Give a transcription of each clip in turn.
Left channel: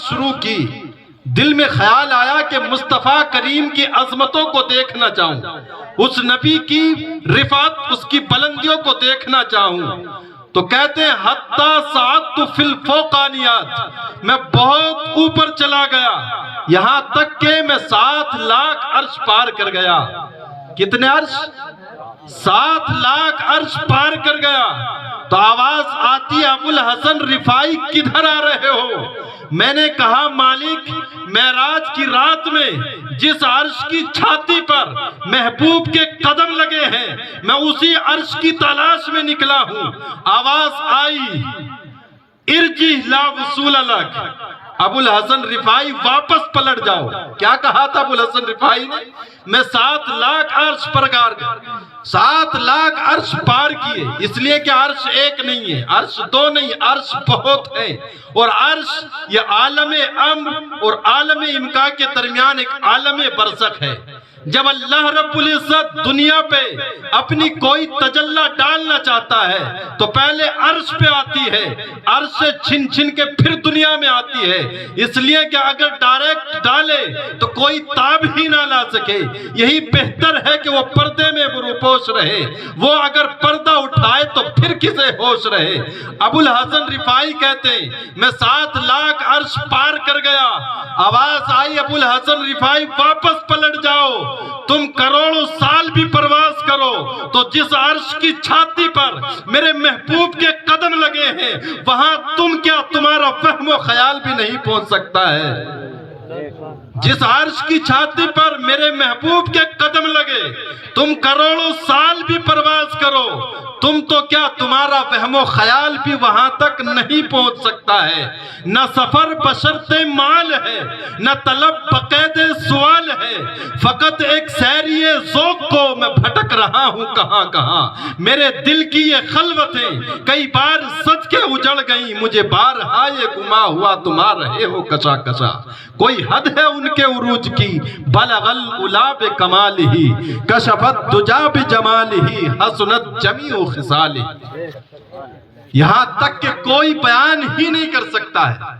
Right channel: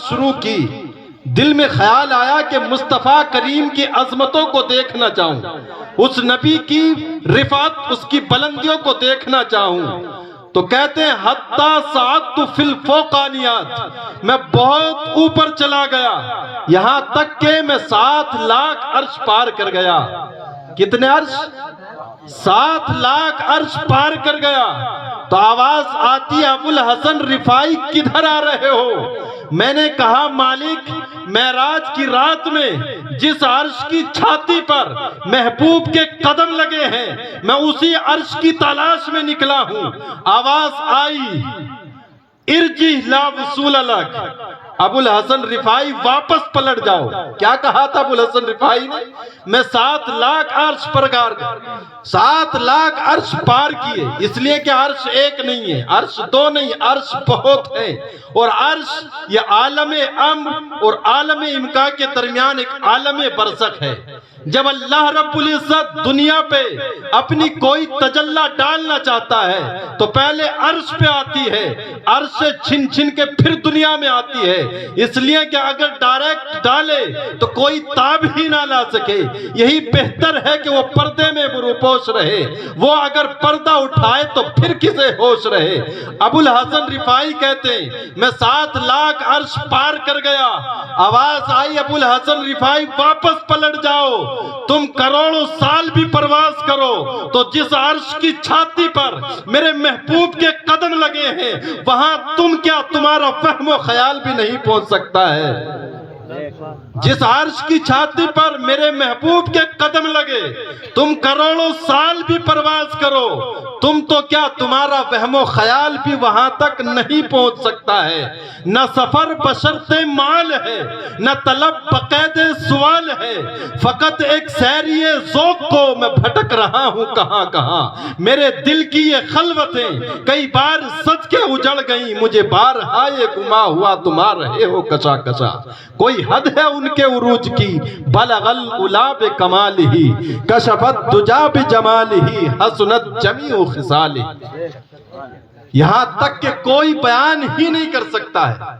شروع کی، دل میں خیال آیا کہ مصطفیٰ کریم کی عظمتوں کو دیکھنا چاہوں، اس نبی کی رفعت، اس کی بلندیوں کو دیکھنا چاہوں۔ تو کہتے ہیں حتی صعدت فی الفوقانیات، میں بہت اوپر چلا گیا، یہاں تک کہ میں 7 لاکھ عرش پار کر گیا۔ کتنے عرش؟ 7 لاکھ عرش پار کر گیا۔ تو آواز آتی ہے ابوالحسن رفاعی کدھر آ رہے ہو؟ میں نے کہا مالک، معراج کی رات میں جس عرش کی چھاتی پر محبوب کے قدم لگے ہیں، میں اسی عرش کی تلاش میں نکلا ہوں۔ آواز آئی ارجع لا وصول لک، ابوالحسن رفاعی واپس پلٹ جاؤ۔ کیا کہا تھا ابوالحسن رفاعی نے؟ میں 7 لاکھ عرش پر گار گیا، 7 لاکھ عرش پار کیے، اس لیے کہ عرش ایک نہیں ہے، عرش 2 نہیں، عرش بہت ہے۔ اور عرش یہ عالم امر اور عالم امکا کے درمیان ایک عالم برزخ ہے۔ جب اللہ رب العزت دنیا پہ اپنی کوئی تجلی ڈالنا چاہتا ہے تو پہلے عرش پہ آتی ہے، عرش سے چھن چھن کے پھر دنیا میں آتی ہے، اس لیے کہ اگر ڈائریکٹ ڈالے تو کوئی تاب ہی نہ لا سکے۔ یہی بہتر ہے کہ وہ پردے میں روپوش رہے، وہ اگر پردہ اٹھائے تو پھر کسے ہوش رہے۔ ابوالحسن رفاعی کہتے ہیں میں 7 لاکھ عرش پار کر گیا۔ آواز آئی ابوالحسن رفاعی واپس پلٹ جاؤ، تم کروڑوں سال بھی پرواز کرو تو جس عرش کی چھاتی پر میرے محبوب کے قدم لگے ہیں وہاں تم کیا، تمہارا فہم و خیال بھی نہیں پہنچ سکتا ہے۔ جس عرش کی چھاتی پر میرے محبوب کے قدم لگے، تم کروڑوں سال بھی پرواز کرو، تم تو کیا، تمہارا وہم و خیال بھی وہاں تک نہیں پہنچ سکتا ہے۔ نہ سفر بشرط مال ہے، نہ طلب بقید سوال ہے، فقط ایک سیری ذوق کو میں بھٹک رہا ہوں کہاں کہاں۔ میرے دل کی یہ خلوتیں کئی بار سج کے اجڑ گئیں، مجھے بارہا یہ گما ہوا تم آ رہے ہو کچا کچا۔ کوئی حد ہے ان کے عروج کی، بلغ العلا بکمالہ، کشف الدجا بجمالہ، حسنت جمیع خصالہ۔ یہاں تک کہ کوئی بیان ہی نہیں کر سکتا ہے۔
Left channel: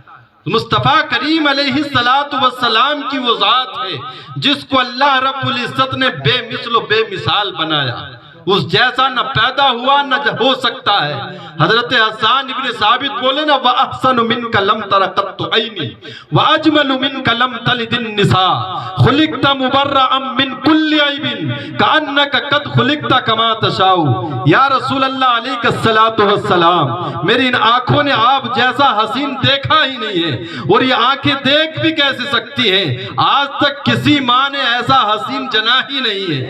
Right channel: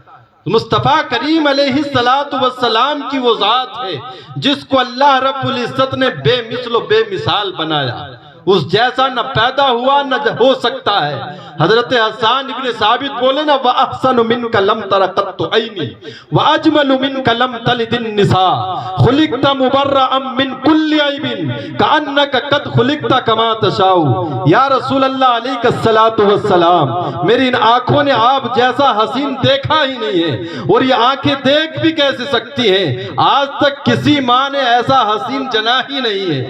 مصطفیٰ کریم علیہ السلام کی وہ ذات ہے جس کو اللہ رب العزت نے بے مثل و بے مثال بنایا، اس جیسا نہ پیدا ہوا نہ ہو سکتا ہے۔ حضرت حسان ابن ثابت بولے نا وَأَحْسَنُ مِنْكَ لَمْ تَرَ قَطُّ عَيْنِي وَأَجْمَلُ مِنْكَ لَمْ تَلِدِ النِّسَاءُ خُلِقْتَ مُبَرَّأً مِنْ كُلِّ عَيْبٍ كَأَنَّكَ قَدْ خُلِقْتَ كَمَا تَشَاءُ۔ یا رسول اللہ علیہ السلام، میری ان آنکھوں نے آپ جیسا حسین دیکھا ہی نہیں ہے، اور یہ آنکھیں دیکھ بھی کیسے سکتی ہیں؟ آج تک کسی ماں نے ایسا حسین جنا ہی نہیں ہے،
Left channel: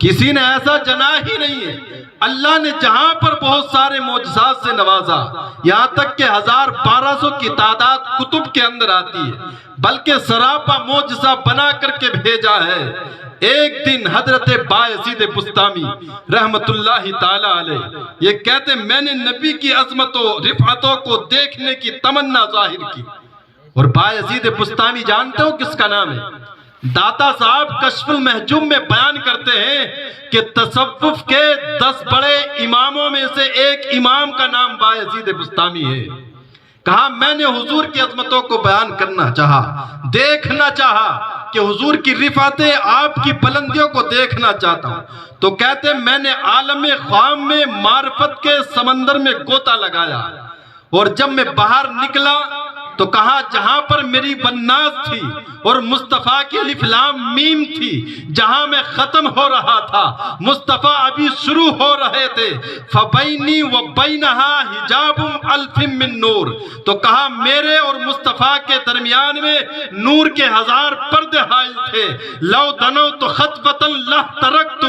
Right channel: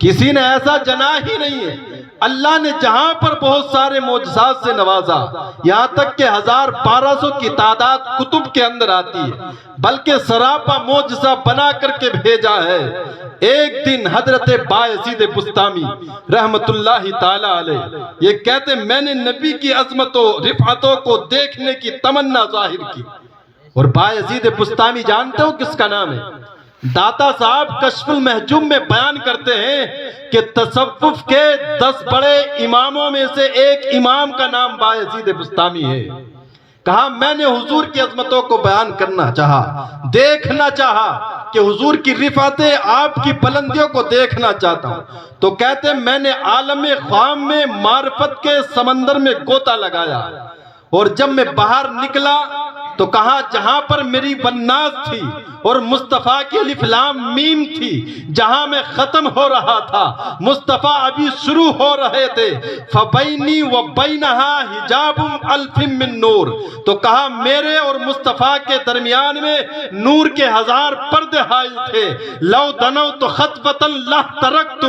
کسی نے ایسا جنا ہی نہیں ہے۔ اللہ نے جہاں پر بہت سارے معجزات سے نوازا، یہاں تک کہ 1200 کی تعداد کتب کے اندر آتی ہے، بلکہ سراپا معجزہ بنا کر کے بھیجا ہے۔ ایک دن حضرت بایزید بسطامی رحمت اللہ تعالی علیہ یہ کہتے میں نے نبی کی عظمت و رفعتوں کو دیکھنے کی تمنا ظاہر کی۔ اور بایزید بسطامی جانتے ہو کس کا نام ہے؟ داتا صاحب کشف المحجوم میں بیان کرتے ہیں کہ تصوف کے 10 بڑے اماموں میں سے ایک امام کا نام بایزید بسطامی ہے۔ کہا میں نے حضور کی عظمتوں کو بیان کرنا چاہا، دیکھنا چاہا کہ حضور کی رفعتیں، آپ کی بلندیوں کو دیکھنا چاہتا ہوں۔ تو کہتے میں نے عالم خوام میں معرفت کے سمندر میں گوتا لگایا، اور جب میں باہر نکلا تو کہا جہاں پر میری والناس تھی اور مصطفیٰ کی الف لام میم تھی، جہاں میں ختم ہو رہا تھا مصطفیٰ ابھی شروع ہو رہے تھے، فَبَيْنِي وَبَيْنَهَا حِجَابٌ أَلْفٍ مِّن نور، تو کہا میرے اور مصطفیٰ کے درمیان میں نور کے 1000 پردے حائل تھے۔ لَوْ دَنَوْتُ خَطْوَةً لَّاحْتَرَقْتُ،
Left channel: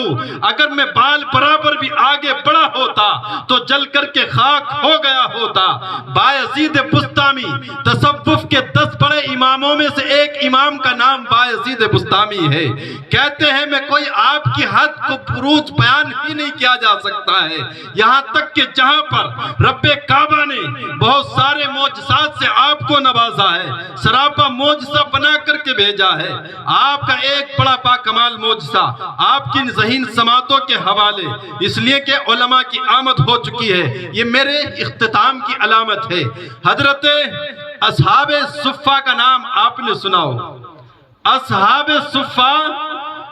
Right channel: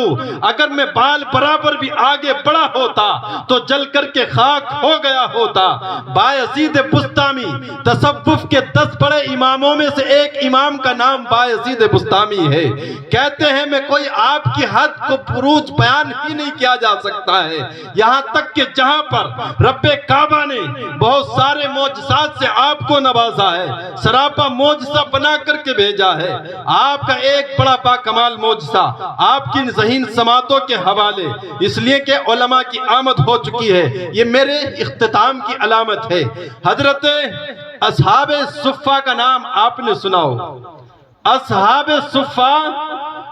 اگر میں بال برابر بھی آگے بڑھا ہوتا تو جل کر کے خاک ہو گیا ہوتا۔ بایزید بسطامی تصوف کے 10 بڑے اماموں میں سے ایک امام کا نام بایزید بسطامی ہے۔ کہتے ہیں میں کوئی آپ کی حد کو بروج بیان ہی نہیں کیا جا سکتا ہے، یہاں تک کہ جہاں پر رب کعبہ نے بہت سارے معجزات سے آپ کو نوازا ہے، سراپا معجزہ بنا کر کے بھیجا ہے۔ آپ کا ایک بڑا باکمال معجزہ آپ کی ذہین سماعتوں کے حوالے، اس لیے کہ علماء کی آمد ہو چکی ہے، یہ میرے اختتام کی علامت ہے۔ حضرت اصحاب صفہ کا نام آپ نے سنا ہو. اصحاب صفہ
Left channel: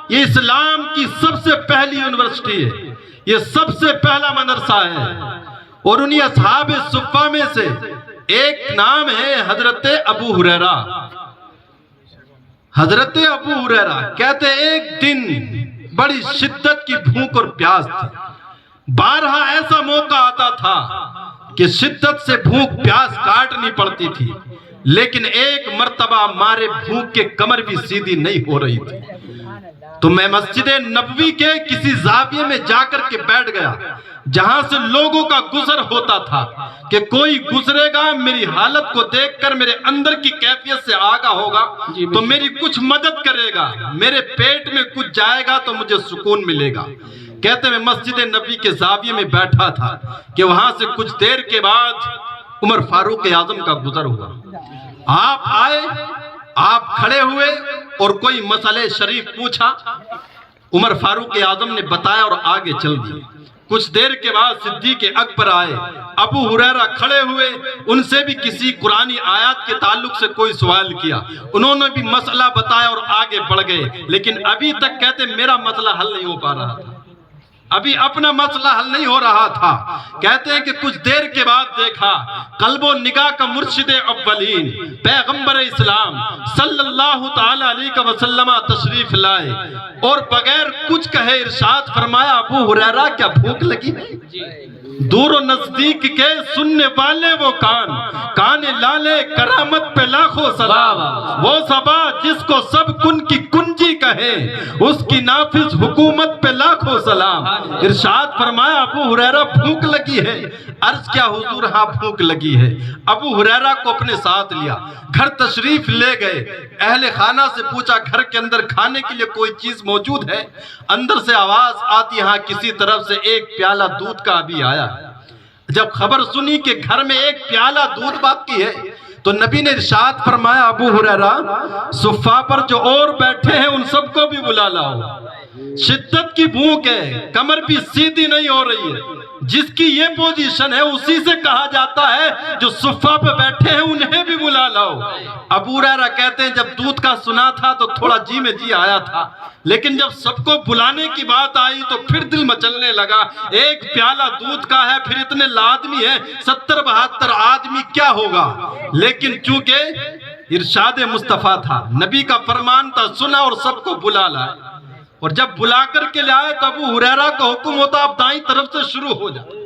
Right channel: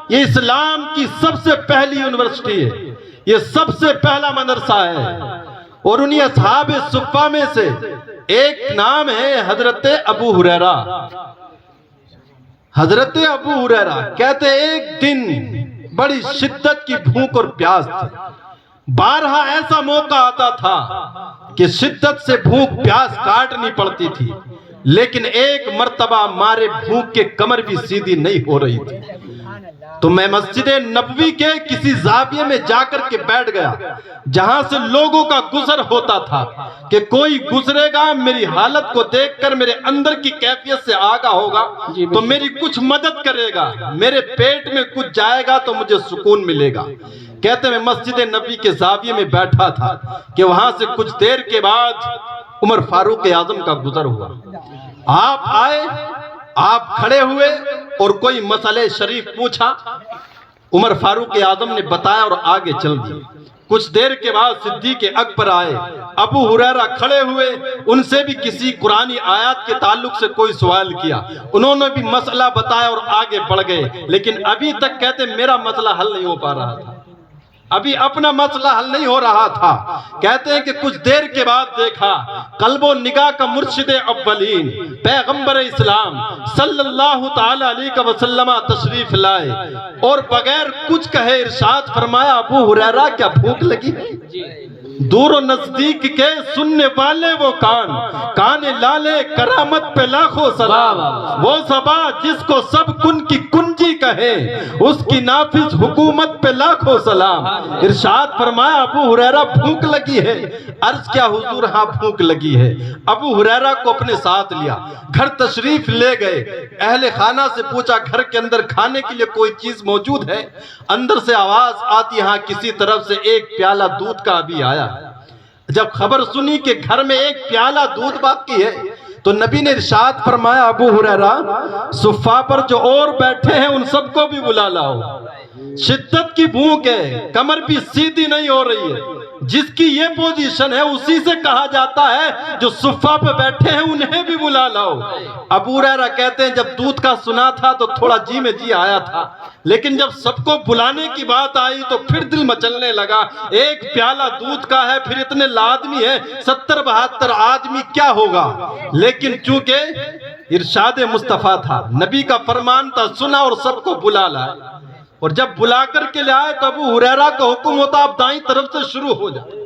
یہ اسلام کی سب سے پہلی یونیورسٹی ہے, یہ سب سے پہلا مدرسہ ہے, اور انہی اصحاب صفہ میں سے ایک نام ہے حضرت ابو ہریرہ. حضرت ابو ہریرہ کہتے ایک دن بڑی شدت کی بھوک اور پیاس تھی. بارہا ایسا موقع آتا تھا کہ شدت سے بھوک پیاس کاٹنی پڑتی تھی, لیکن ایک مرتبہ مارے بھوک کے کمر بھی سیدھی نہیں ہو رہی تھی. تو میں مسجد نبوی کے کسی زاویے میں جا کر کے بیٹھ گیا جہاں سے لوگوں کا گزر ہوتا تھا کہ کوئی گزرے گا میری حالت کو دیکھ کر میرے اندر کی کیفیت سے آگاہ ہوگا تو میری کچھ مدد کرے گا, میرے پیٹ میں کچھ جائے گا تو مجھے سکون ملے گا. کہتے میں مسجد نبوی کے زاویے میں بیٹھا تھا کہ وہاں سے کچھ دیر کے بعد عمر فاروق اعظم کا گزر ہوا. آپ آئے, آپ کھڑے ہوئے اور کوئی مسئلہ شریف پوچھا. عمر فاروق اعظم نے بتایا اور آگے چل دی. کچھ دیر کے بعد صدیق اکبر آئے, ابو ہریرہ کھڑے ہوئے, ان سے بھی کسی قرآنی آیات کے تعلق سے کوئی سوال کیا, انہوں نے بھی مسئلہ بتایا اور آگے بڑھ گئے. لیکن ابھی تک کہتے میرا مسئلہ حل نہیں ہو پا رہا تھا, ابھی اپنا مسئلہ حل نہیں ہو رہا تھا. کہتے ہیں کہ کچھ دیر کے بعد دیکھا قلب و نگاہ کا مرشد اولین پیغمبر اسلام صلی اللہ تعالی علیہ وسلم تشریف لائے اور بغیر کچھ کہے ارشاد فرمایا ابو ہریرہ کیا بھوک لگی ہے؟ دور و نزدیک کے سننے والے وہ کان لالے کرامت پہ لاکھوں سلام. وہ صبا جس کو سب کن کی کنجی کہے اس کی نافذ حکومت پہ لاکھوں سلام. ارشاد فرمایا ابو ہریرہ بھوک لگی ہے؟ عرض کیا حضور ہاں بھوک لگی ہے. ابو ہریرہ کو اپنے ساتھ لیا, گھر تشریف لے گئے, اہل خانہ سے پوچھا گھر کے اندر کھانے کے لیے کوئی چیز موجود ہے؟ اندر سے آواز آتی ہاں کسی طرف سے ایک پیالہ دودھ کا ابھی آیا. جب خبر سنی کہ گھر میں ایک پیالہ دودھ باقی ہے تو نبی نے ارشاد فرمایا ابو ہریرہ صفہ پر جو اور بیٹھے ہیں ان سب کو بھی بلا لاؤ. شدت کی بھوک ہے, کمر بھی سیدھی نہیں ہو رہی ہے. جس کی یہ پوزیشن ہے اسی سے کہا جاتا ہے جو صفہ پہ بیٹھے ہیں انہیں بھی بلا لاؤ. ابو ہریرہ کہتے ہیں جب دودھ کا سنا تھا تو تھوڑا جی میں جی آیا تھا, لیکن جب سب کو بلانے کی بات آئی تو پھر دل مچلنے لگا. ایک پیالہ دودھ کا ہے, پھر اتنے آدمی ہیں, 70-72 آدمی کیا ہوگا. لیکن چونکہ ارشاد مصطفیٰ تھا, نبی کا فرمان تھا, سنا اور سب کو بلا لائے. اور جب بلا کر کے لے آئے تو ابو ہریرہ کا حکم ہوتا آپ دائیں طرف سے شروع ہو جائے.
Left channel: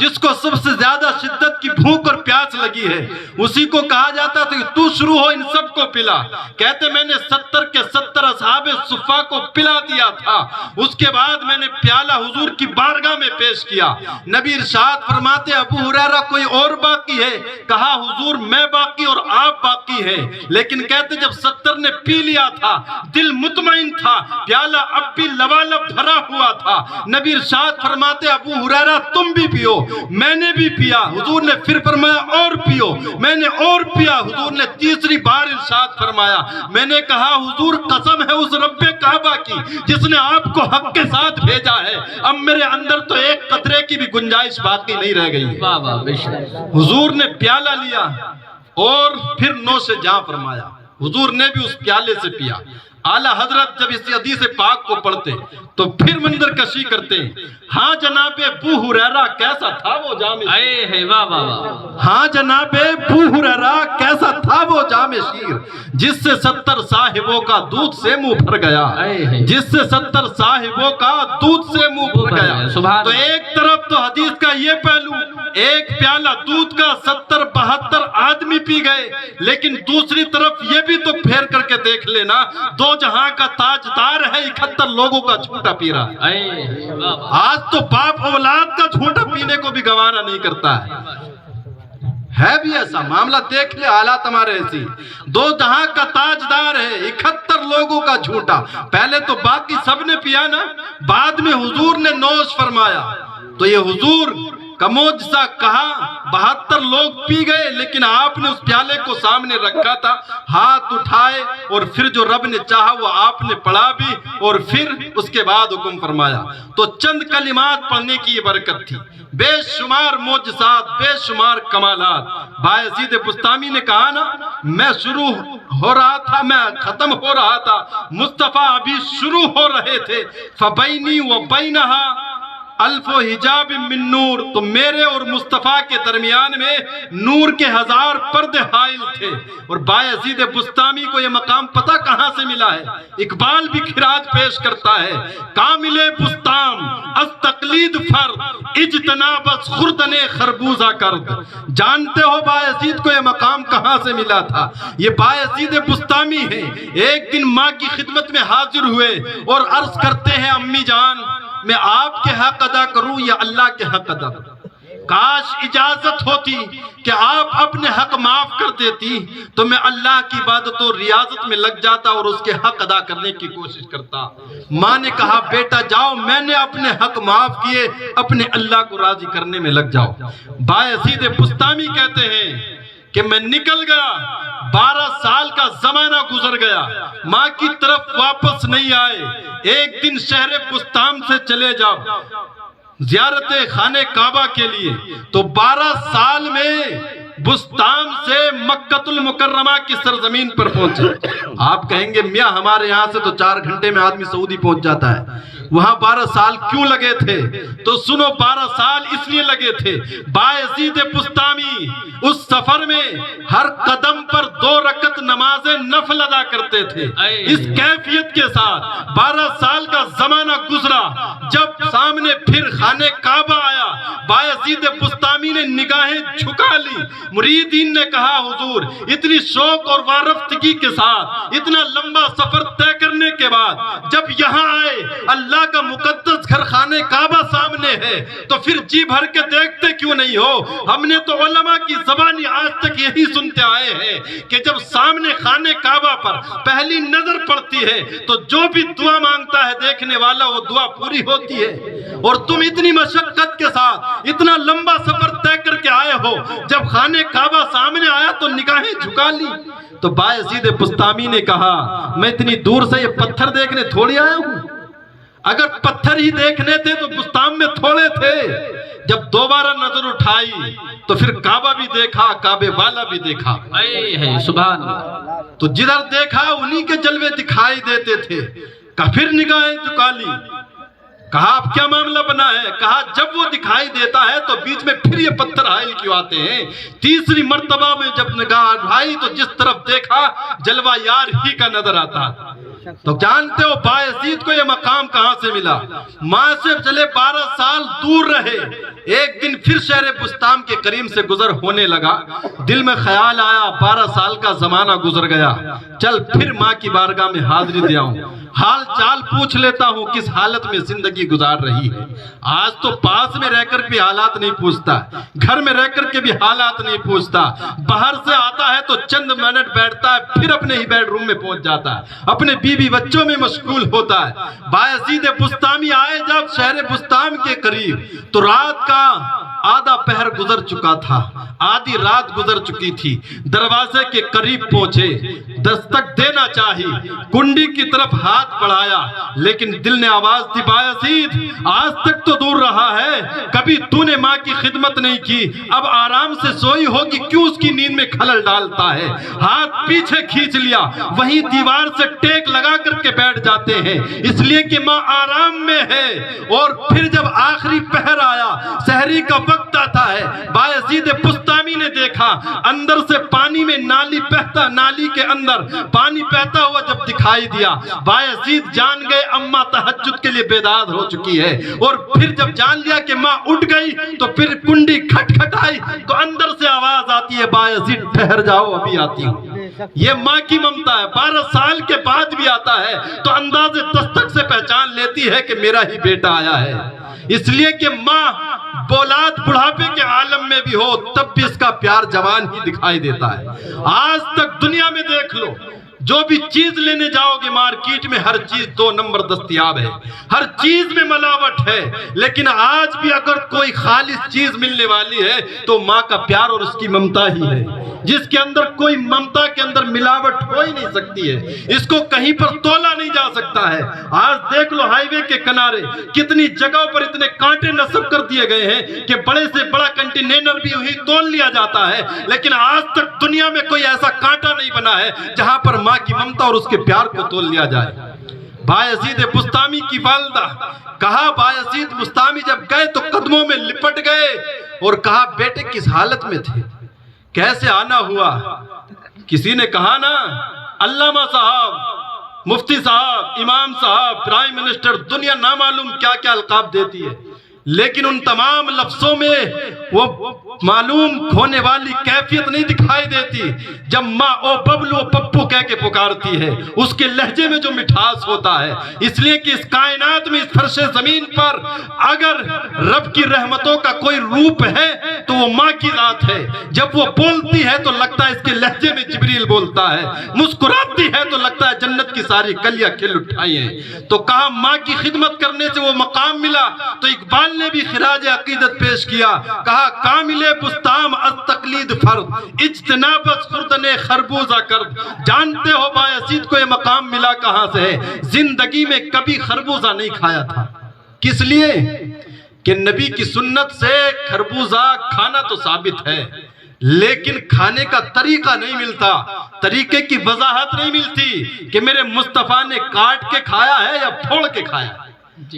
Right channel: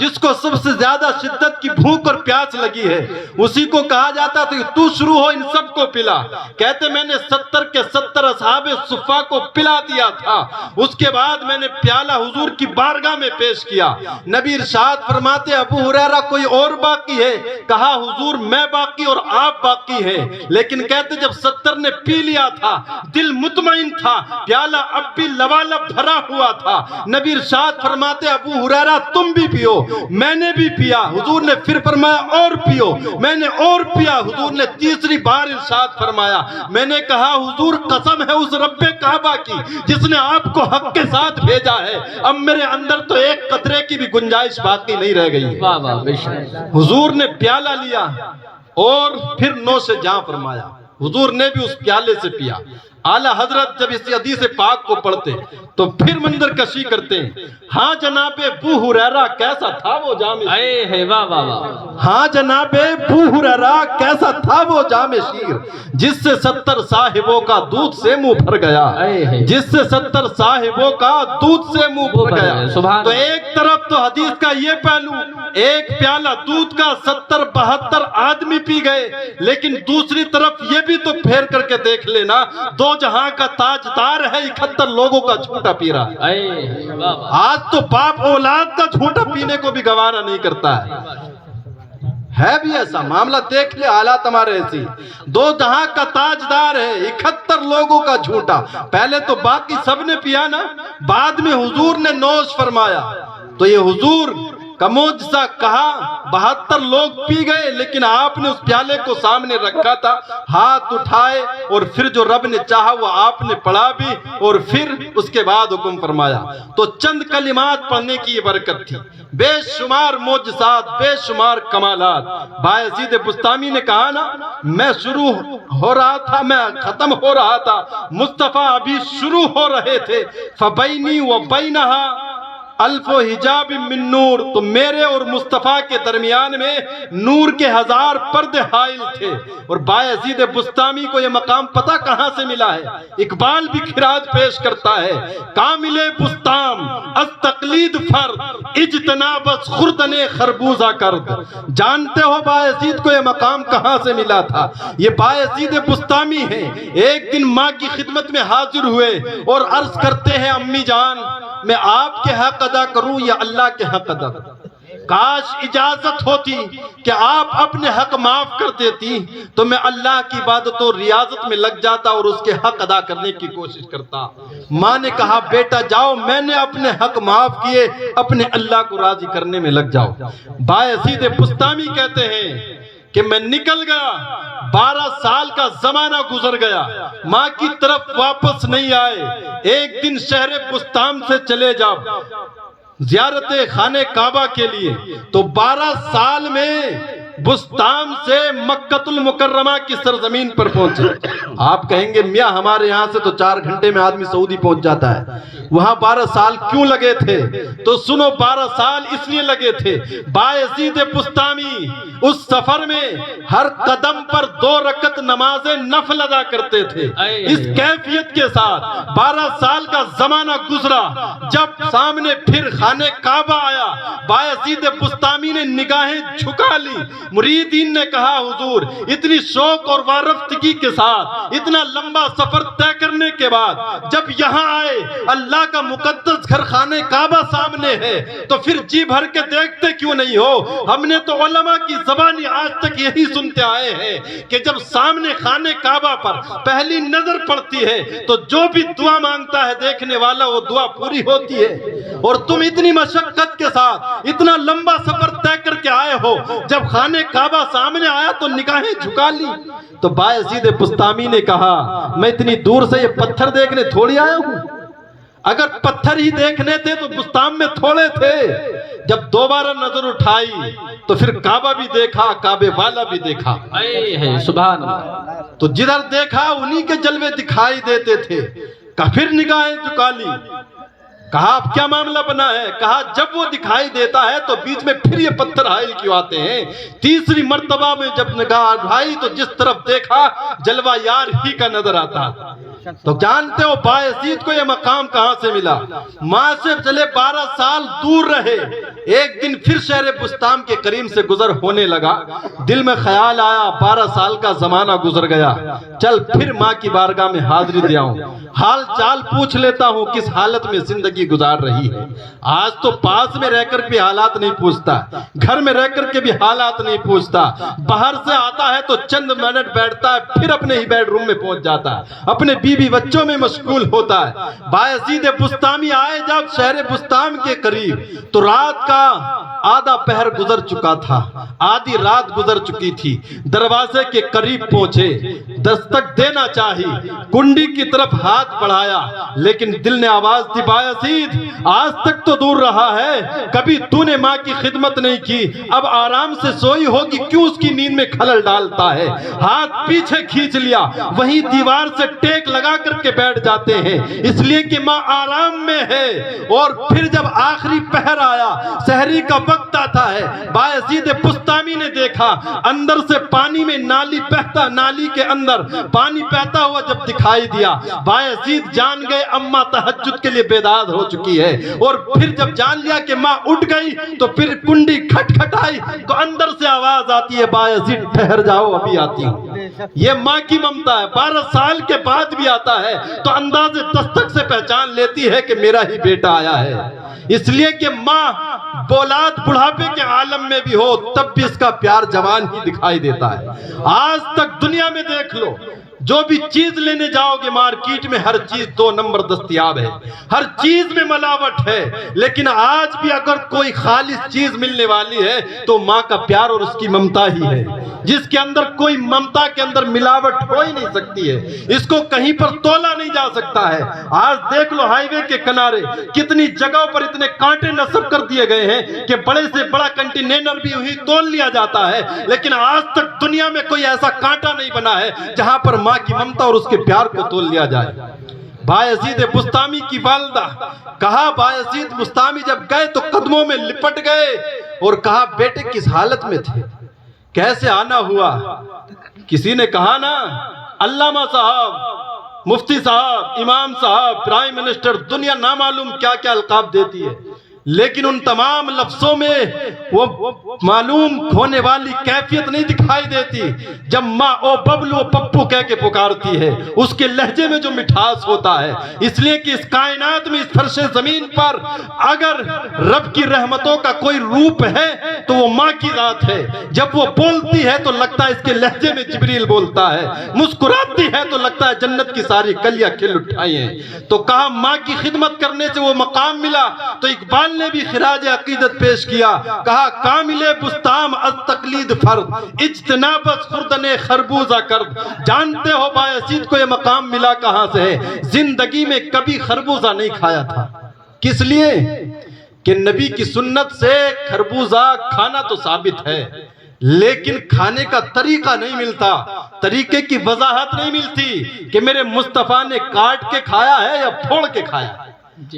جس کو سب سے زیادہ شدت کی بھوک اور پیاس لگی ہے اسی کو کہا جاتا تھا کہ تو شروع ہو, ان سب کو پلا. کہتے میں نے 70 کے 70 اصحاب صفہ کو پلا دیا تھا. اس کے بعد میں نے پیالہ حضور کی بارگاہ میں پیش کیا. نبی ارشاد فرماتے ابو ہریرہ کوئی اور باقی ہے؟ کہا حضور میں باقی اور آپ باقی ہیں. لیکن کہتے جب 70 نے پی لیا تھا دل مطمئن تھا, پیالہ اب بھی لبالب بھرا ہوا تھا. نبی ارشاد فرماتے ابو ہریرہ تم بھی پیو. میں نے بھی پیا. حضور نے پھر فرمایا اور پیو. میں نے اور پیا. حضور نے تیسری بار ارشاد فرمایا. میں نے کہا حضور قسم ہے اس رب کعبہ کی جس نے آپ کو حق کے ساتھ بھیجا ہے, اب میرے اندر تو ایک قطرے کی بھی گنجائش باقی نہیں رہ گئی. حضور نے پیالہ لیا اور پھر نو سے جاں فرمایا. حضور نے بھی اس پیالے سے پیا. اعلیٰ حضرت جب اس حدیث پاک کو پڑھتے تو پھر منظر کشی کرتے ہیں. ہاں جناب ابو ہریرہ کیسا تھا وہ جام شیر. ہاں جناب ابو ہریرہ کیسا تھا وہ جام شیر جس سے 70 صاحبوں کا دودھ سے منہ بھر گیا. جس سے 70 صاحبوں کا دودھ سے منہ بھر گیا. تو ایک طرف تو حدیث کا یہ پہلو, ایک پیالہ دودھ کا 70-72 آدمی پی گئے, لیکن دوسری طرف یہ بھی تو پھیر کر کے دیکھ لینا دو جہاں کا تاجدار ہے 71 لوگوں کا جھوٹا پی رہا. آج تو باپ اولاد کا جھوٹا پینے کو بھی گوارا نہیں کرتا ہے بھی ایسا معاملہ. دیکھ لے حالات ہمارے ایسی. دو جہاں کا تاجدار ہے 71 لوگوں کا جھوٹا. پہلے تو باقی سب نے پیا نا, بعد میں حضور نے نوش فرمایا. تو یہ حضور کا معجزہ کہا، 72 لوگ پی گئے، لیکن آپ نے اس پیالے کو سامنے رکھا تھا، ہاتھ اٹھائے اور پھر جو رب نے چاہا وہ آپ نے پڑھا بھی، اور پھر اس کے بعد حکم فرمایا۔ تو چند کلمات پڑھنے کی یہ برکت تھی، بے شمار معجزات، بے شمار کمالات۔ بایزید بسطامی نے کہا نا، میں شروع ہو رہا تھا، میں ختم ہو رہا تھا، مصطفیٰ ابھی شروع ہو رہے تھے، فَبَيْنِي وَبَيْنَهَا الف و حجاب من نور، تو میرے اور مصطفیٰ کے درمیان میں نور کے 1000 پردے حائل تھے۔ اور بایزید بسطامی کو یہ مقام پتہ کہاں سے ملا ہے؟ اقبال بھی خراج پیش کرتا ہے، کامل بسطام از تقلید فرد، اجتناب از خوردن خربوزہ کرد۔ جانتے ہو بایزید کو یہ مقام کہاں سے ملا تھا؟ یہ بایزید بسطامی ہے، ایک دن ماں کی خدمت میں حاضر ہوئے اور عرض کرتے ہیں، امی جان میں آپ کے حق ادا کروں یا اللہ کے حق ادا؟ کاش اجازت ہوتی کہ آپ اپنے حق معاف کر دیتی تو میں اللہ کی عبادت اور ریاضت میں لگ جاتا اور اس کے حق ادا کرنے کی کوشش کرتا۔ ماں نے کہا، بیٹا جاؤ، میں نے اپنے حق معاف کیے، اپنے اللہ کو راضی کرنے میں لگ جاؤ۔ بایزید بسطامی کہتے ہیں کہ میں نکل گیا، 12 سال کا زمانہ گزر گیا، ماں کی طرف واپس نہیں آئے۔ ایک دن شہر بسطام سے چلے جاؤ زیارت خانہ کعبہ کے لیے، تو 12 سال میں بسطام سے مکہ المکرمہ کی سرزمین پر پہنچے۔ آپ کہیں گے میاں ہمارے یہاں سے تو 4 گھنٹے میں آدمی سعودی پہنچ جاتا ہے، وہاں 12 سال کیوں لگے تھے؟ تو سنو، 12 سال اس لیے لگے تھے، بایزید بسطامی اس سفر میں ہر قدم پر 2 رکعت نماز نفل ادا کرتے تھے، اس کیفیت کے ساتھ 12 سال کا زمانہ گزرا۔ جب سامنے پھر خانہ کعبہ آیا، بایزید بسطامی نے نگاہیں جھکا لی۔ مریدین نے کہا، حضور اتنی شوق اور وارفتگی کے ساتھ اتنا لمبا سفر طے کرنے کے بعد جب یہاں آئے، اللہ کا مقدس گھر خانہ کعبہ سامنے ہے، تو پھر جی بھر کے دیکھتے کیوں نہیں ہو؟ ہم نے تو علماء کی زبانی آج تک یہی سنتے آئے ہیں کہ جب سامنے خانہ کعبہ پر پہلی نظر پڑتی ہے تو جو بھی دعا مانگتا ہے دیکھنے والا وہ دعا پوری ہوتی ہے۔ اور تم اتنی مشقت کے ساتھ اتنا لمبا سفر طے کر کے آئے ہو، جب خانہ کعبہ سامنے آیا تو نگاہیں جھکا لی۔ تو بایزید بسطامی نے کہا، میں اتنی دور سے یہ پتھر دیکھنے تھوڑی آیا ہوں، اگر پتھر ہی دیکھنے تھے تو بسطام میں تھوڑے تھے۔ جب دوبارہ نظر اٹھائی تو پھر کعبہ بھی دیکھا، کعبے والا بھی دیکھا، سبحان اللہ۔ تو جدھر دیکھا انہی کے جلوے دکھائی دیتے تھے۔ پھر نگاہیں جھکا لی، کہا اب کیا معاملہ بنا ہے؟ کہا جب وہ دکھائی دیتا ہے تو بیچ میں پھر یہ پتھر حائل کیوں آتے ہیں؟ تیسری مرتبہ میں جب نگاہ اٹھائی تو جس طرف دیکھا جلوہ یار ہی کا نظر آتا۔ تو جانتے ہو بایزید کو یہ مقام کہاں سے ملا؟ ماں سے چلے 12 سال دور رہے، ایک دن پھر شہر بسطام کے قریب سے گزر ہونے لگا، دل میں خیال آیا 12 سال کا زمانہ گزر گیا، چل پھر ماں کی بارگاہ میں حاضری دے آؤں، حال چال پوچھ لیتا ہوں کس حالت میں زندگی گزار رہی ہے۔ آج تو پاس میں رہ کر بھی حالات نہیں پوچھتا، گھر میں رہ کر کے بھی حالات نہیں پوچھتا، باہر سے آتا ہے تو چند منٹ بیٹھتا ہے پھر اپنے ہی بیڈ روم میں پہنچ جاتا ہے، اپنے بیوی بچوں میں مشغول ہوتا ہے۔ بایزید بسطامی آئے جب شہر بسطام کے قریب تو رات کا آدھا پہر گزر چکا تھا، آدھی رات گزر چکی تھی، دروازے کے قریب پہنچے، دستک دینا چاہی، کنڈی کی طرف ہاتھ بڑھایا، لیکن دل نے آواز دی، بایزید آج تک تو دور رہا ہے، کبھی تو نے ماں کی خدمت نہیں کی، اب آرام سے سوئی ہوگی، کیوں اس کی نیند میں خلل ڈالتا ہے؟ ہاتھ پیچھے کھینچ لیا، وہیں دیوار سے ٹیک لگا کر کے بیٹھ جاتے ہیں، اس لیے کہ ماں آرام میں ہے۔ اور پھر جب آخری پہر آیا، سحری کا وقت آتا ہے، بایزید بسطامی نے دیکھا اندر سے پانی میں نالی بہتا، نالی کے اندر پانی بہتا ہوا جب دکھائی دیا، بایزید جان گئے اماں تہجد کے لیے بیدار ہو چکی ہے۔ اور پھر جب جان لیا کہ ماں اٹھ گئی تو پھر کنڈی کھٹ کھٹائی تو اندر سے آواز آتی ہے، بایزید ٹھہر جاؤ ابھی آتی ہوں۔ یہ ماں کی ممتا ہے، 12 سال کے بعد بھی آتا ہے تو انداز دستک سے پہچان لیتی ہے کہ میرا ہی بیٹا آیا ہے، اس لیے کہ ماں اولاد بڑھاپے کے عالم میں بھی ہو تب بھی اس کا پیار جوان ہی دکھائی دیتا ہے۔ آج تک دنیا میں دیکھ لو، جو بھی چیز لینے جاؤ گے مارکیٹ میں ہر چیز 2 نمبر دستیاب ہے، ہر چیز میں ملاوٹ ہے، لیکن آج بھی اگر کوئی خالص چیز ملنے والی ہے تو ماں کا پیار اور اس کی ممتا ہی ہے، جس کے اندر کوئی ممتا کے اندر ملاوٹ ہو ہی نہیں سکتی ہے، اس کو کہیں پر تولا نہیں جا سکتا ہے۔ آج دیکھ لو ہائی وے کے کنارے کتنی جگہوں پر اتنے کانٹے نصب کر دیے گئے ہیں کہ بڑے سے بڑا کنٹینر بھی وہی تول لیا جاتا ہے، لیکن آج تک دنیا میں کوئی ایسا کانٹا نہیں بنا ہے جہاں پر ماں کی ممتا اور اس کے پیار کو تول لیا جائے۔ بایزید بستامی کی والدہ کہا، بایزید بستامی جب گئے تو قدموں میں لپٹ گئے اور کہا بیٹے کس حالت میں تھے، کیسے آنا ہوا؟ کسی نے کہا نا علامہ صاحب، مفتی صاحب، امام صاحب، پرائم منسٹر، دنیا نامعلوم کیا کیا القاب دیتی ہے، لیکن ان تمام لفظوں میں وہ معلوم ہونے والی کیفیت نہیں دکھائی دیتی جب ماں او ببلو پپو کہہ کے پکارتی ہے، اس کے لہجے میں جو مٹھاس ہوتا ہے۔ اس لیے کہ اس کائنات میں، اس فرش زمین پر اگر رب کی رحمتوں کا کوئی روپ ہے تو وہ ماں کی ذات ہے۔ جب وہ بولتی ہے تو لگتا ہے اس کے لہجے میں جبریل بولتا ہے، مسکراتی ہے تو لگتا ہے جنت کی ساری کلیاں کھل اٹھائی ہیں۔ تو کہا ماں کی خدمت کرنے سے وہ مقام ملا، تو اقبال نے بھی خراج عقیدت پیش کیا، کہا کامل بستام از تقلید فرد، اجتناب از خوردن خربوزہ کرد۔ جانتے ہو بایزید کو یہ مقام ملا کہاں سے ہے؟ زندگی میں کبھی خربوزہ نہیں کھایا تھا۔ کس لیے؟ کہ نبی کی سنت سے خربوزہ کھانا تو ثابت ہے، لیکن کھانے کا طریقہ نہیں ملتا، طریقے کی وضاحت نہیں ملتی کہ میرے مصطفیٰ نے کاٹ کے کھایا ہے یا پھوڑ کے کھایا ہے۔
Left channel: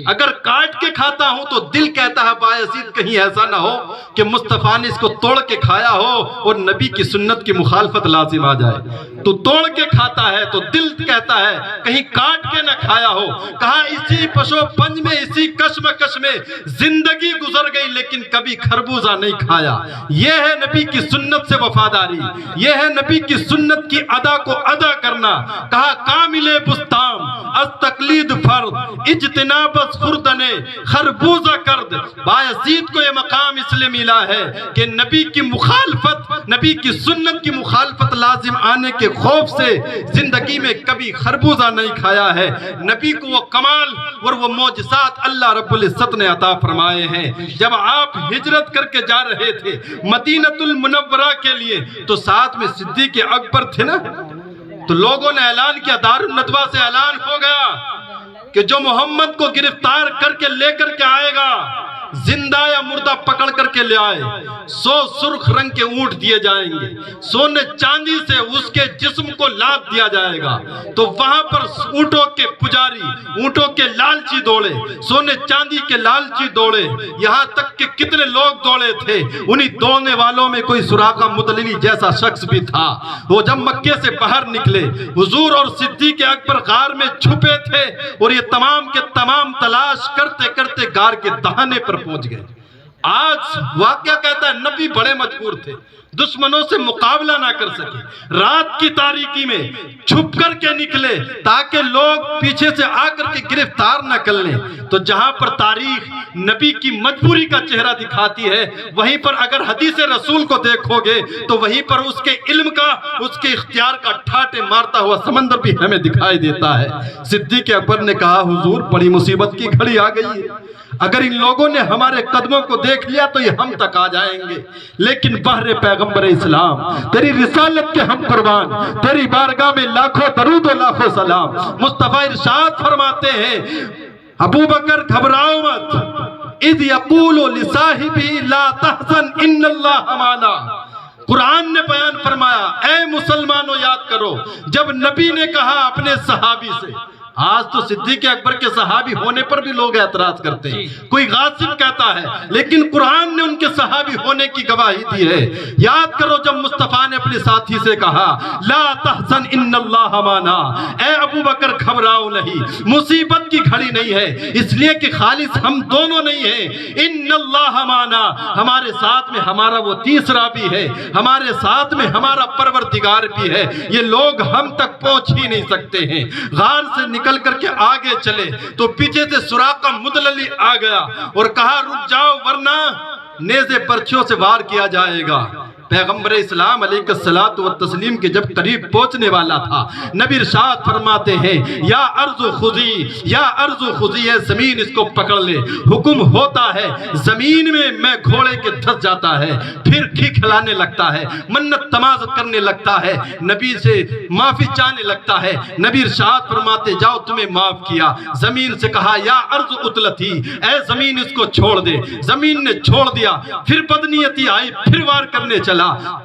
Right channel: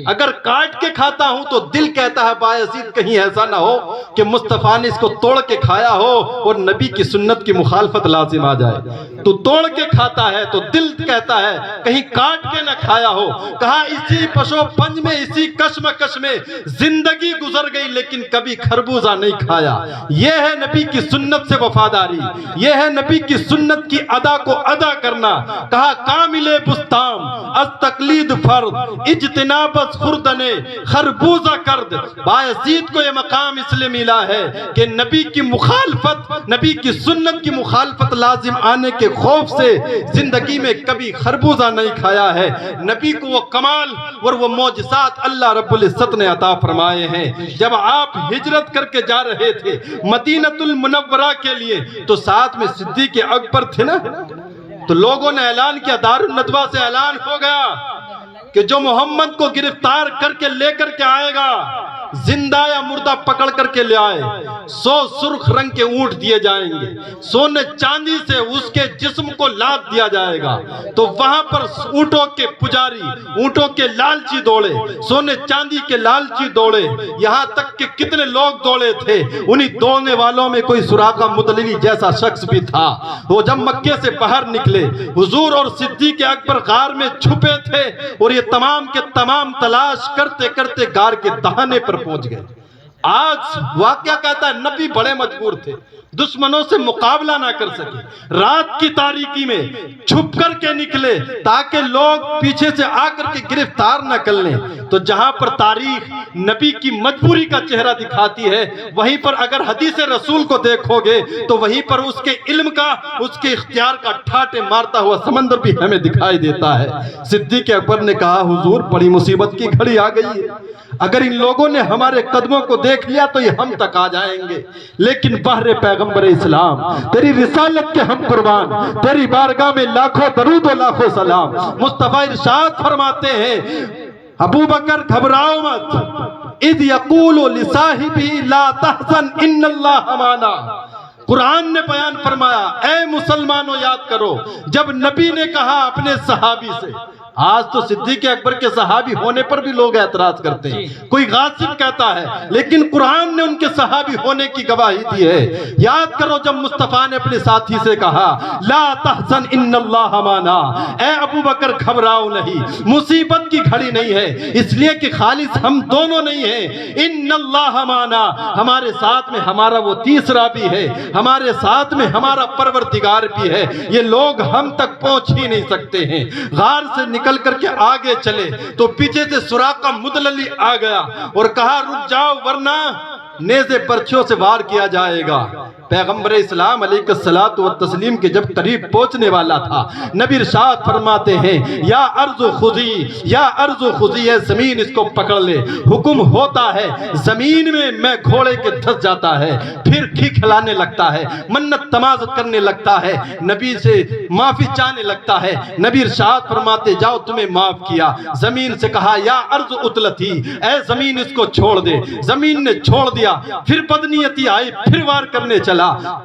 اگر کاٹ کے کھاتا ہوں تو دل کہتا ہے بایزید کہیں ایسا نہ ہو کہ مصطفیٰ نے اس کو توڑ کے کھایا ہو اور نبی کی سنت کی مخالفت لازم آ جائے۔ تو توڑ کے کھاتا ہے تو دل کہتا ہے کہیں کاٹ کے نہ کھایا ہو۔ کہا اسی پشو پنج میں، اسی کشمکش میں زندگی گزر گئی لیکن کبھی خربوزہ نہیں کھایا۔ یہ ہے نبی کی سنت سے وفاداری، یہ ہے نبی کی سنت کی ادا کو ادا کرنا۔ کہا کامل بستام از تقلید فرد، اجتناب بس خوردن خربوزہ کرد۔ بایزید کو یہ مقام اس لیے ملا ہے کہ نبی کی مخالفت، نبی کی سنت کی مخالفت لازم آنے کے خوف سے زندگی میں کبھی خربوزہ نہیں کھایا ہے۔ نبی کو وہ کمال اور وہ معجزات اللہ رب العزت نے عطا فرمائے ہیں۔ جب آپ ہجرت کر کے جا رہے تھے مدینہ المنورہ کے لیے تو ساتھ میں صدیق اکبر تھے نا، تو لوگوں نے اعلان کیا، دار الندوہ سے اعلان ہو گیا کہ جو محمد کو گرفتار کر کے لے کر کے آئے گا، زندہ یا مردہ پکڑ کر کے لے آئے، 100 سرخ رنگ کے اونٹ دیے جائیں گے، سونے چاندی سے اس کے جسم کو لاد دیا جائے گا۔ تو وہاں پر اونٹوں کے پجاری، اونٹوں کے لالچی دوڑے، سونے چاندی کے لالچی دوڑے، یہاں تک کہ کتنے لوگ دوڑے تھے، انہی دوڑنے والوں میں کوئی سراقہ مدلوی جیسا شخص بھی تھا۔ وہ جب مکے سے باہر نکلے، حضور اور صدیق اکبر غار میں چھپے تھے اور یہ تمام کے تمام تلاش کرتے کرتے غار کے دہانے پر پہنچ گئے۔ آج واقعہ کہتا ہے نبی بڑے مجبور تھے، دشمنوں سے مقابلہ نہ کر سکے، رات کی تاریکی میں چھپ کر کے نکلے تاکہ لوگ پیچھے سے آ کر کے گرفتار نہ کر لیں۔ تو جہاں پر تاریخ نبی کی مجبوری کا چہرہ دکھاتی ہے، وہیں پر اگر حدیث رسول کو دیکھو گے تو وہیں پر اس کے علم کا، اس کے اختیار کا ٹھاٹے مارتا ہوا سمندر بھی ہمیں دکھائی دیتا ہے۔ صدیق اکبر نے کہا حضور بڑی مصیبت کی گھڑی آ گئی ہے، اگر ان لوگوں نے ہمارے قدموں کو دیکھ لیا تو یہ ہم تک آ جائیں گے، لیکن بہر پیغمبر اسلام تیری رسالت کے ہم قربان، تیری بارگاہ میں لاکھوں درود و لاکھوں سلام۔ مصطفیٰ ارشاد فرماتے ہیں ابو بکر گھبراؤ مت، اذ یقول لصاحبہ لا تحزن ان اللہ معنا۔ قرآن نے بیان فرمایا اے مسلمانوں یاد کرو جب نبی نے کہا اپنے صحابی سے، آج تو صدیق اکبر کے صحابی ہونے پر بھی لوگ اعتراض کرتے ہیں، کوئی غاصب کہتا ہے، لیکن قرآن نے ان کے صحابی ہونے کی گواہی دی ہے۔ یاد کرو جب مصطفیٰ نے اپنے ساتھی سے کہا لا تحزن ان اللہ معنا، اے ابو بکر گھبراؤ نہیں، مصیبت کی گھڑی نہیں ہے، اس لیے کہ خالص ہم دونوں نہیں ہیں، ان اللہ معنا، ہمارے ساتھ میں ہمارا وہ تیسرا بھی ہے، ہمارے ساتھ میں ہمارا پروردگار بھی ہے، یہ لوگ ہم تک پہنچ ہی نہیں سکتے ہیں۔ غار سے نکل کر کے آگے چلے تو پیچھے سے سراقہ مدللی آ گیا اور کہا رک جاؤ ورنہ نیزے برچھیوں سے وار کیا جائے گا۔ پیغمبر اسلام علیہ الصلوۃ والتسلیم کے جب قریب پہنچنے والا تھا، نبی ارشاد فرماتے ہیں یا ارض خذی، یا ارض خذی، ہے زمین اس کو پکڑ لے۔ حکم ہوتا ہے زمین میں گھوڑے کے دھس جاتا ہے، پھر کھلانے لگتا ہے، منت تمازت کرنے لگتا ہے، نبی سے معافی چاہنے لگتا ہے۔ نبی ارشاد فرماتے جاؤ تمہیں معاف کیا۔ زمین سے کہا یا ارض اتلتی، اے زمین اس کو چھوڑ دے۔ زمین نے چھوڑ دیا، پھر بدنیتی آئی، پھر وار کرنے چلا،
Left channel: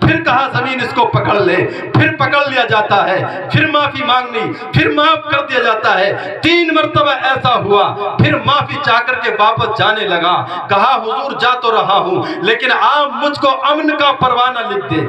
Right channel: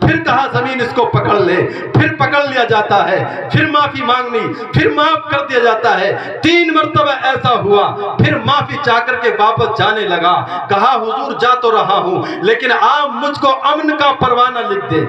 پھر کہا زمین اس کو پکڑ لے، پھر پکڑ لیا جاتا ہے، پھر معافی مانگنی، پھر معاف کر دیا جاتا ہے۔ 3 مرتبہ ایسا ہوا، پھر معافی چاہ کر کے واپس جانے لگا۔ کہا حضور جا تو رہا ہوں لیکن آپ مجھ کو امن کا پروانہ لکھ دیں۔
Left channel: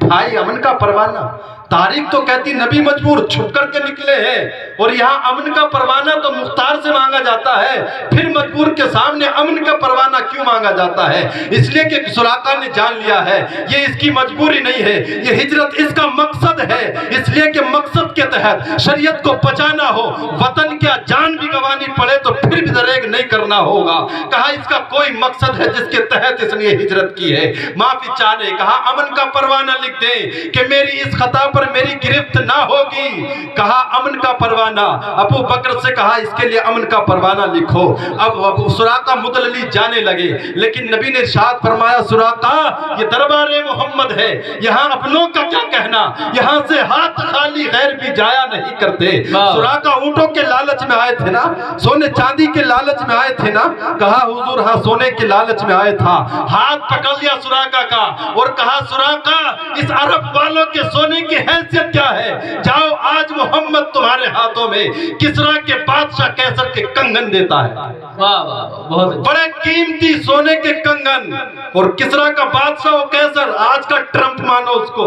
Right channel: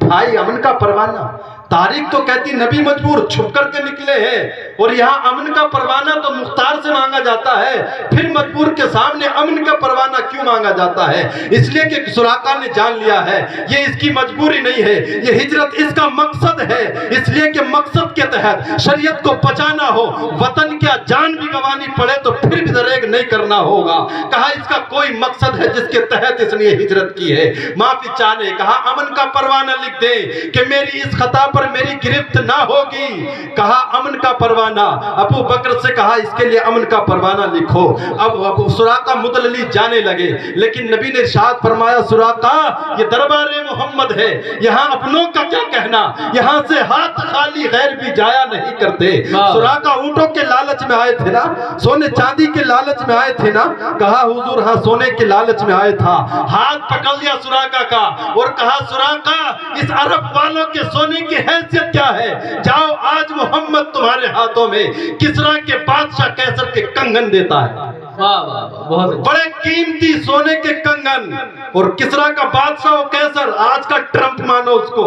بھائی امن کا پروانہ، تاریخ تو کہتی نبی مجبور چھپ کر کے نکلے ہیں، اور یہاں امن کا پروانہ تو مختار سے مانگا جاتا ہے، پھر مجبور کے سامنے امن کا پروانہ کیوں مانگا جاتا ہے؟ اس لیے کہ سراقہ نے جان لیا ہے یہ اس کی مجبوری نہیں ہے، یہ ہجرت اس کا مقصد ہے، اس لیے کہ مقصد کے تحت شریعت کو بچانا ہو، وطن کیا جان بھی گوانی پڑے تو پھر بھی دریغ نہیں کرنا ہوگا۔ کہا اس کا کوئی مقصد ہے جس کے تحت اس نے ہجرت کی ہے۔ معافی چاہنے کہا امن کا پروانہ لکھ دے کہ میری اس خطا پر میری گرفت نہ ہوگی۔ کہا امن کا پروانہ، ابو بکر سے کہا اس کے لیے امن کا پروانہ لکھو۔ اب سراقہ مدللی جانے لگے، لیکن نبی نے ارشاد فرمایا سراقہ یہ دربار محمد ہے، یہاں اپنوں کا کیا کہنا، یہاں سے ہاتھ خالی غیر بھی جایا نہیں کرتے۔ سراقہ اونٹوں کے لالچ میں آئے تھے نا، سونے چاندی کے لالچ میں آئے تھے نا؟ کہا حضور ہاں سونے کے لالچ میں آئے تھا۔ ہاتھ پکڑ لیا سراقہ کا اور کہا سراقہ اس عرب والوں کے سونے کی حیثیت کیا ہے؟ جاؤ آج محمد تمہارے ہاتھوں میں کسرا کے بادشاہ کیسر کے کنگن دیتا ہے۔ بہت بڑے قیمتی سونے کے کنگن، اور کسرا کا بادشاہ و کیسر آج کا ٹرمپ مانو اس کو،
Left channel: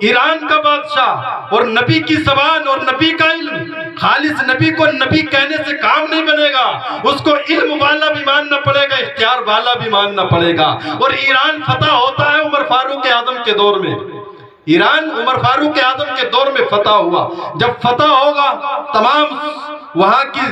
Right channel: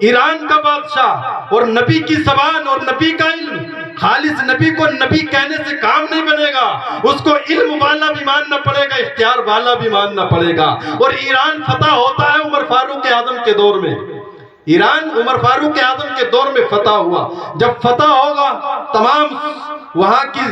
ایران کا بادشاہ، اور نبی کی زبان اور نبی کا علم۔ خالص نبی کو نبی کہنے سے کام نہیں بنے گا، اس کو علم والا بھی ماننا پڑے گا، اختیار والا بھی ماننا پڑے گا۔ اور ایران فتح ہوتا ہے عمر فاروق اعظم کے دور میں، ایران عمر فاروق اعظم کے دور میں فتح ہوا۔ جب فتح ہوگا تمام وہاں کی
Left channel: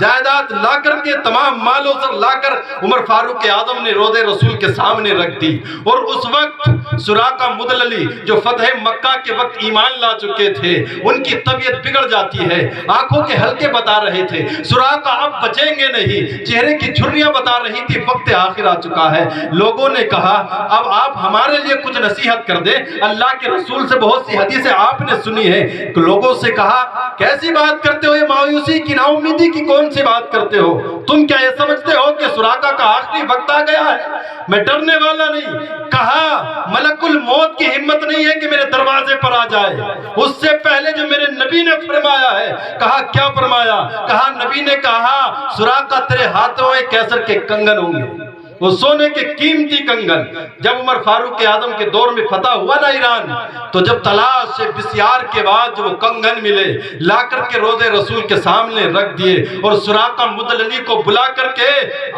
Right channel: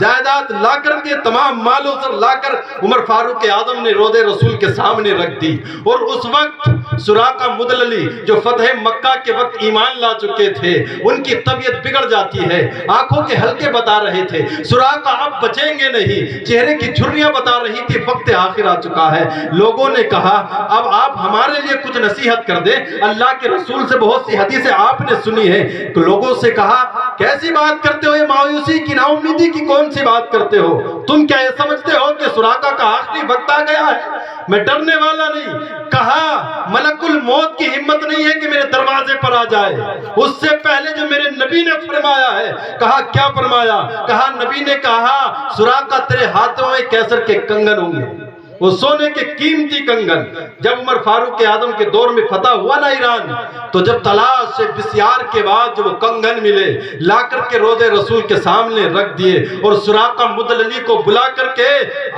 جائیداد لا کر کے، تمام مال و زر لا کر عمر فاروق اعظم نے روضہ رسول کے سامنے رکھ دی۔ اور اس وقت سراقہ مدللی جو فتح مکہ کے وقت ایمان لا چکے تھے، ان کی طبیعت بگڑ جاتی ہے، آنکھوں کے حلقے بتا رہے تھے، سراقہ اب بچیں گے نہیں، چہرے کی جھریاں بتا رہی تھی، وقت آخر آ چکا ہے۔ لوگوں نے کہا اب آپ ہمارے لیے کچھ نصیحت کر دیں، اللہ کے رسول سے بہت سی حدیثیں آپ نے سنی ہے۔ تو لوگوں سے کہا کیسی بات کرتے ہو، یہ مایوسی کی نا امیدی کی کون سی بات کرتے ہو؟ تم کیا یہ سمجھتے ہو کہ سراقہ کا آخری وقت آ گیا ہے؟ میں ڈرنے والا نہیں۔ کہا ملک الموت کی ہمت نہیں ہے کہ میرے دروازے پر آ جائے، اس سے پہلے جو میرے نبی نے فرمایا ہے۔ کہا کیا فرمایا؟ کہا نبی نے کہا سراقہ تیرے ہاتھوں میں کیسر کے کنگن ہوں گے، وہ سونے کے قیمتی کنگن۔ جب عمر فاروق اعظم کے دور میں فتح ہوا نا ایران، تو جب تلاش سے بسیار کے بعد جو وہ کنگن ملے، لا کر کے روضہ رسول کے سامنے رکھ دیے، اور سراقہ مدللی کو بلا کر کے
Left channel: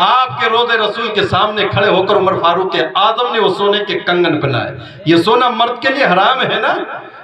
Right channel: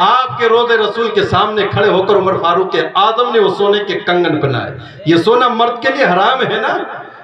آپ کے روضہ رسول کے سامنے کھڑے ہو کر عمر فاروق اعظم نے وہ سونے کے کنگن بنائے۔ یہ سونا مرد کے لیے حرام ہے نا،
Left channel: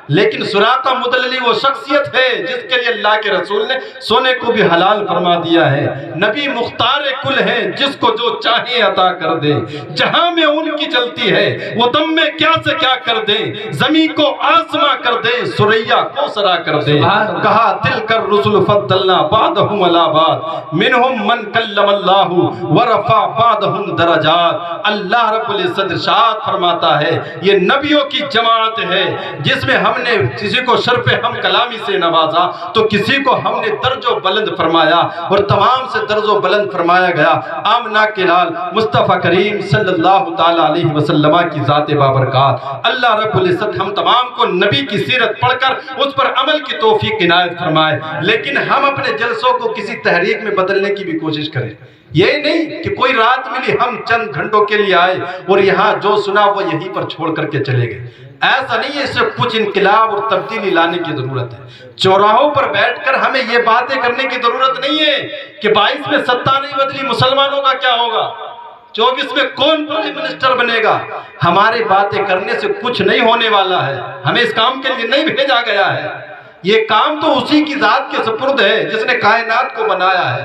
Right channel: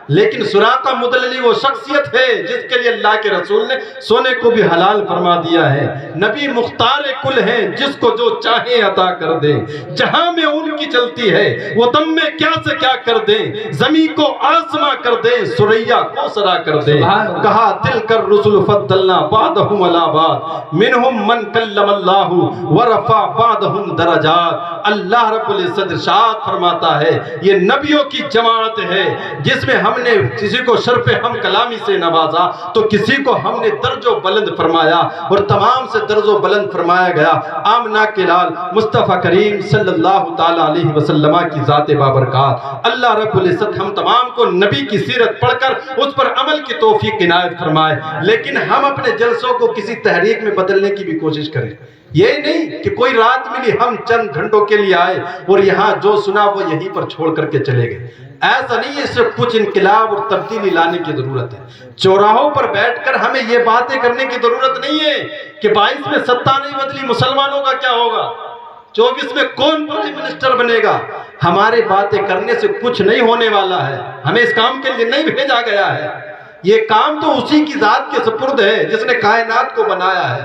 لیکن سراقہ مدللی وہ شخصیت ہے جس کے لیے اللہ کے رسول نے سونے کو بھی حلال فرما دیا ہے۔ نبی مختار کل ہیں، جس کو جو چاہے عطا کر دے، جہاں میں ان کی چلتی ہے وہ دم میں کیا سے کیا کر دے، زمین کو آسماں کر دے، سریا کو سرا کر دے۔ کہا تلک الرسل فضلنا بعضهم علی بعض منہم من کلم اللہ ورفع بعضهم درجات۔ اللہ رب العزت ارشاد فرماتا ہے یہ نبیوں کی جماعت ہے جس میں ہم نے کسی کو شرف ہم کلامی سے نوازا تو کسی کو ہم نے درج و بلند فرمایا، اور تمام سے درج و بلند فرمایا گیا آمنہ کے لال مصطفیٰ کریم صلی اللہ تعالیٰ علیہ وسلم کی ذات بابرکات۔ اللہ رب العزت ہم تمام کو نبی کی سیرت پڑھ کر اس پر عمل کی توفیق عنایت فرمائے، لیکن ہم اپنے جلسوں کو کسی تحریک میں بدلنے کی بھی کوشش کریں۔ یہ نہیں کہ کوئی رات ملی ہم چند گھنٹوں کے لیے آئے اور یہاں جو سنا وہ یہیں پر چھوڑ کر کے چلے گئے، ایسا نہیں ہے۔ اس سے کچھ انقلاب اور تبدیلی لانے کی ضرورت ہے۔ چوراہوں پر بیٹھ کر ہمیں یہ باتیں کرنے کی ضرورت نہیں ہے کہ 22 میں ستا نہیں بدلی، مسلمانوں کا کیا ہوگا، 24 میں کون پرائم منسٹر بنے گا۔ ہمارے باتیں کرنے سے کچھ نہیں ہونے والا ہے، ہمیں اس کام کے لیے نہیں بھیجا گیا ہے۔ یہ کام تو اسی کی ذات کے سپرد ہے جس نے کائنات کو بنایا ہے۔